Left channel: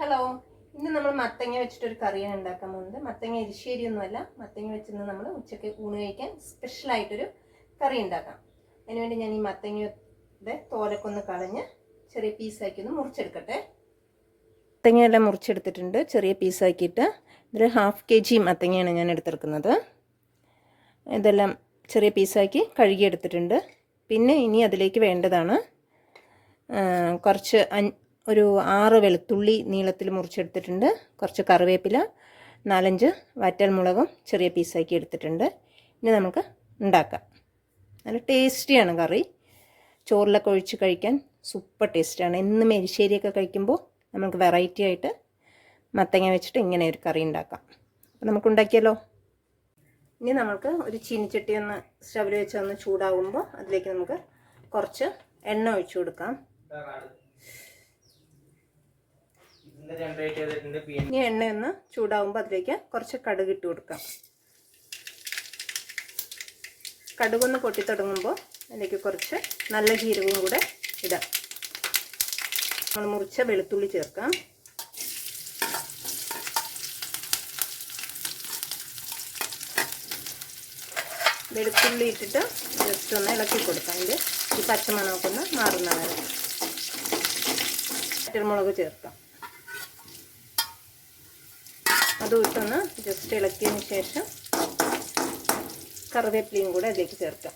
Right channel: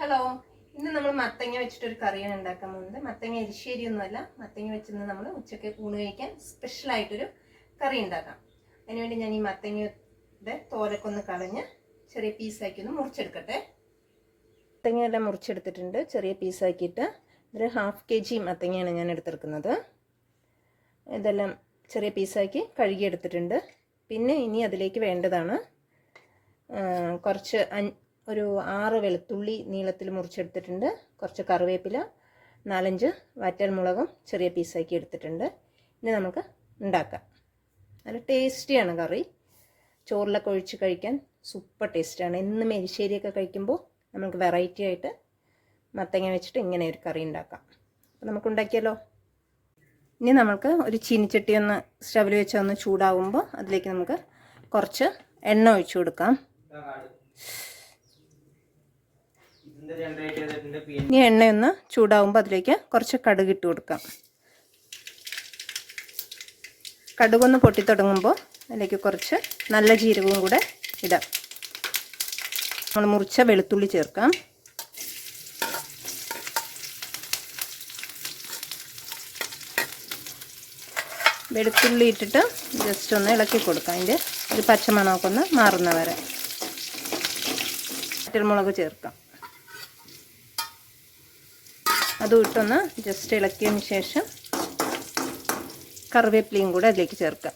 Hello, ഇന്ന് നമ്മൾ മത്തങ്ങ വെച്ചിട്ടൊരു കറിയാണ് ഉണ്ടാക്കാൻ പോകുന്നത്. മത്തങ്ങ എരിശ്ശേരിയൊന്നുമല്ല, മത്തങ്ങ വെച്ചിട്ട് നമ്മൾ ഉച്ചയ്ക്ക് ഊണ് കഴിക്കാൻ സ്പെഷ്യലായിട്ടൊരു കറി ഉണ്ടാക്കാം. അതിനുവേണ്ടി ഞാൻ ഈ മത്തങ്ങയുടെ തോലൊക്കെ ഒന്ന് കളഞ്ഞ് ചെറിയ പീസാക്കി ഒന്ന് മുറിച്ചെടുക്കട്ടെ. മത്തങ്ങയെല്ലാം മുറിച്ചെടുത്തിട്ടുണ്ട് ചെറിയ പീസാക്കിയിട്ട്. ഒരു 1/2 kg മത്തങ്ങയാണ് ഞാൻ എടുത്തെടുക്കുന്നത്. ഇതെല്ലാം ചെറിയ പീസാക്കി കഴുകിയെടുത്തിട്ടുണ്ട്. പിന്നെ ഇനി അതിലേക്ക് വേണ്ടതാണ് കുറച്ച് ഒരു 6 വെളുത്തുള്ളി നീളത്തിൽ മുറിച്ചെടുത്തിട്ടുണ്ട്, കുറച്ച് കറിവേപ്പില, 4-5 വറ്റൽമുളകും ചെറിയ പീസാക്കി എടുത്തിട്ടുണ്ട്. ഇനി നമുക്ക് ഉണ്ടാക്കാം. നല്ല ടേസ്റ്റിയാണ് കറി. ചോറിലൊക്കെ ഒഴിച്ച് കഴിക്കാൻ സൂപ്പർ ടേസ്റ്റാണ്. എന്നും എരിശ്ശേരിയൊക്കെ കഴിക്കുമ്പോൾ നമുക്ക് വെറൈറ്റി ആയിട്ട് മത്തങ്ങ വെച്ചിട്ട് ഇങ്ങനെ ഒരു കറി ഉണ്ടാക്കാം. അപ്പോൾ നമുക്ക് ഉണ്ടാക്കിയാലോ. ഇനി നമുക്ക് ഒരു ചീനിച്ചട്ടി ഒന്ന് സ്റ്റവിൽ വെച്ച് ഒന്ന് ചൂടാകുമ്പോൾ അതിലേക്ക് നമുക്ക് കുറച്ച് എണ്ണ ഒഴിച്ചു കൊടുക്കാം. ഇനി എണ്ണയൊന്ന് ചൂടാവുമ്പോൾ അതിലേക്ക് കുറച്ച് കടുക് ഇട്ട് കൊടുക്കാം. കടുകൊന്ന് പൊട്ടിത്തുടങ്ങുമ്പോൾ അതിലേക്ക് കുറച്ച് നല്ല ജീരകവും കൂടെ ഇടാം. നമ്മൾ മുറിച്ച വെളുത്തുള്ളി ചേർക്കാം. വെളുത്തുള്ളി ഇട്ടിട്ട് ജസ്റ്റ് ഒന്ന് ഇളക്കി കൊടുക്കാം. അതിൻ്റെ ഒരു പച്ചമണമൊക്കെ ഒന്ന് മാറുന്ന വരെ. വറ്റൽമുളക് ചേർക്കാം. അതും ഇട്ടൊന്ന് ജസ്റ്റ് ഇളക്കിയതിന് ശേഷം കറിവേപ്പിലയും കൂടെ അതിലേക്ക് ചേർക്കാം.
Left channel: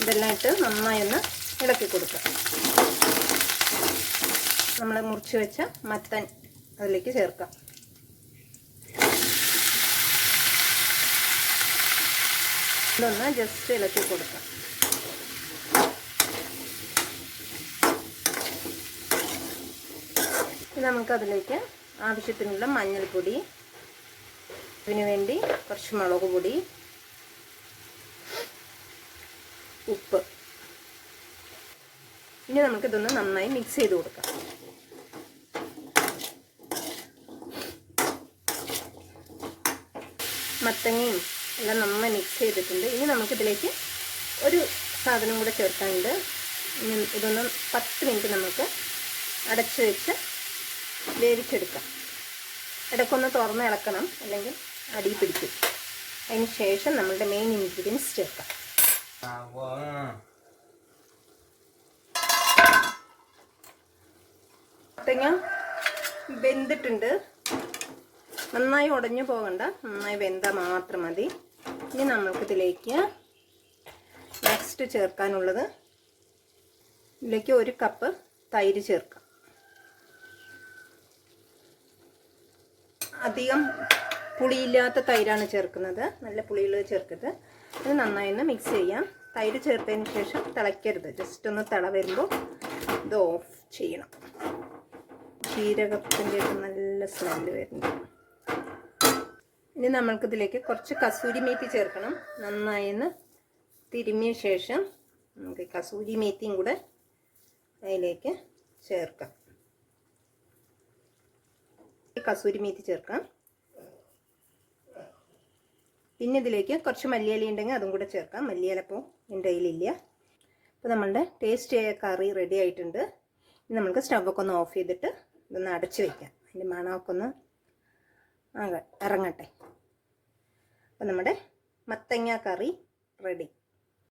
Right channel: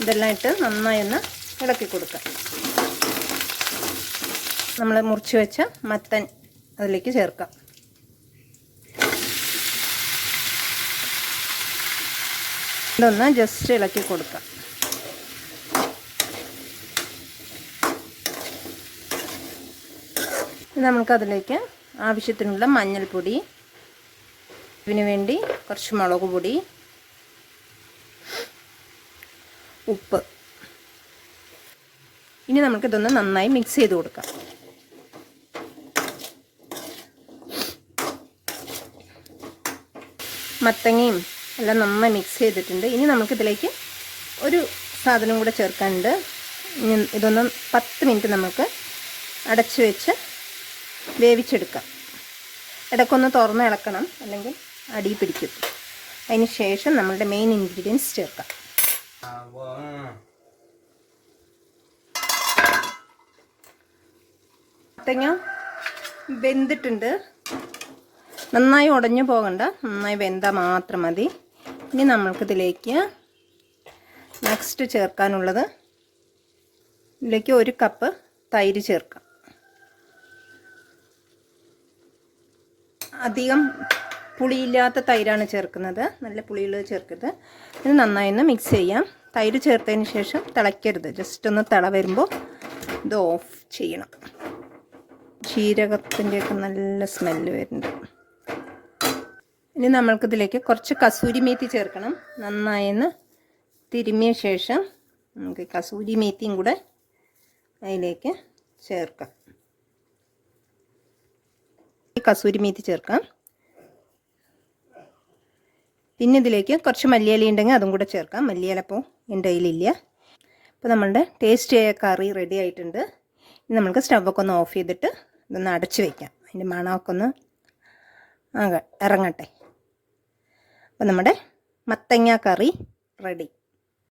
ഇതെല്ലാം ഇട്ട് നന്നായി ഒന്ന് ഇളക്കി കൊടുക്കാം. നമ്മൾ മുറിച്ച് വെച്ച മത്തൻ അതിലേക്ക് ചേർക്കാം. ഇതൊന്ന് ജസ്റ്റ് ഇളക്കി കൊടുക്കാം. നമുക്കതിലേക്ക് ആവശ്യത്തിനുള്ള മഞ്ഞൾപ്പൊടി, ഇതിനു വേണ്ടി കുറച്ച് മുളക് പൊടി, ഉപ്പ്. ഇനി നമുക്കിതൊന്ന് നന്നായി മിക്സ് ചെയ്ത് കൊടുക്കാം. മത്തങ്ങയും എല്ലാം നന്നായി മിക്സ് ചെയ്തിട്ടുണ്ട്. ഇനി നമുക്കിതിലേക്ക് ഒരു സാധനം കൂടെ ചേർക്കാനുണ്ട്. ഇതൊന്ന് 10 മിനിറ്റ് നമുക്ക് അടച്ചു വെച്ച് വേവിച്ചെടുക്കാം. ഇടയ്ക്കൊന്ന് തുറന്ന് ഇളക്കണം, അല്ലെങ്കിൽ അടി പിടിക്കും. അതിന് ശേഷം നമ്മളുടെ മെയിൻ ഇൻഗ്രീഡിയൻസ് ചേർക്കാം. മത്തങ്ങ വെന്തിട്ടുണ്ട്. നന്നായി ഉടഞ്ഞു പോകണ്ട, നന്നായി വെന്താൽ മാത്രം മതി. ഇനി നമ്മൾക്കിതിലേക്ക് നെക്സ്റ്റ് ചേർക്കാനുള്ളത്, ഇതിലേക്ക് 1 കപ്പ് തൈര് ചേർക്കാം. അധികം പുളിയില്ലാത്ത തൈരാണ് ചേർക്കുന്നത്, നല്ല പുളിയുള്ളത് ചേർക്കരുത്. ഇത് നന്നായി ഒന്ന് മിക്സ് ചെയ്യാം. തൈര് ചേർത്തതിന് ശേഷം തിളയ്ക്കരുത്, ജസ്റ്റ് ഒന്ന് തിള വരുമ്പോൾ ഇത് ഓഫ് ചെയ്യണം. ജീരകത്തിൻ്റെയൊക്കെ നല്ല സ്മെല്ല് വരുന്നുണ്ട്. ഇനി നമ്മൾക്കിതിലേക്ക് കുറച്ച് കസൂരി മേത്തി ചേർക്കണം. നന്നായി ഒന്ന് തിരുമ്മിയ ശേഷം നമുക്ക് കസൂരി മേത്തിയും കൂടെ അതിലേക്ക് ചേർക്കാം. കസൂരി മേത്തി ചേർക്കാം. പിന്നെ ഇതിലേക്ക് കുറച്ച് മല്ലിയില ഉണ്ടെങ്കിൽ അതും കൂടെ ചേർക്കാം. മല്ലിയില ഇപ്പോൾ എൻ്റെ കയ്യിലില്ല. അപ്പോൾ നമ്മളുടെ ടേസ്റ്റിയായ കറി റെഡി ആയിട്ടുണ്ട്. ഇനി നമുക്ക് സ്റ്റവൊക്കെ ഒന്ന് ഓഫ് ചെയ്തിട്ട് ഇതൊന്ന് അടച്ച് വയ്ക്കാം. അതിൻ്റെ മണമൊക്കെ ഒന്ന് ഇറങ്ങട്ടെ. അപ്പോൾ നമ്മുടെ മത്തങ്ങ കറി റെഡി.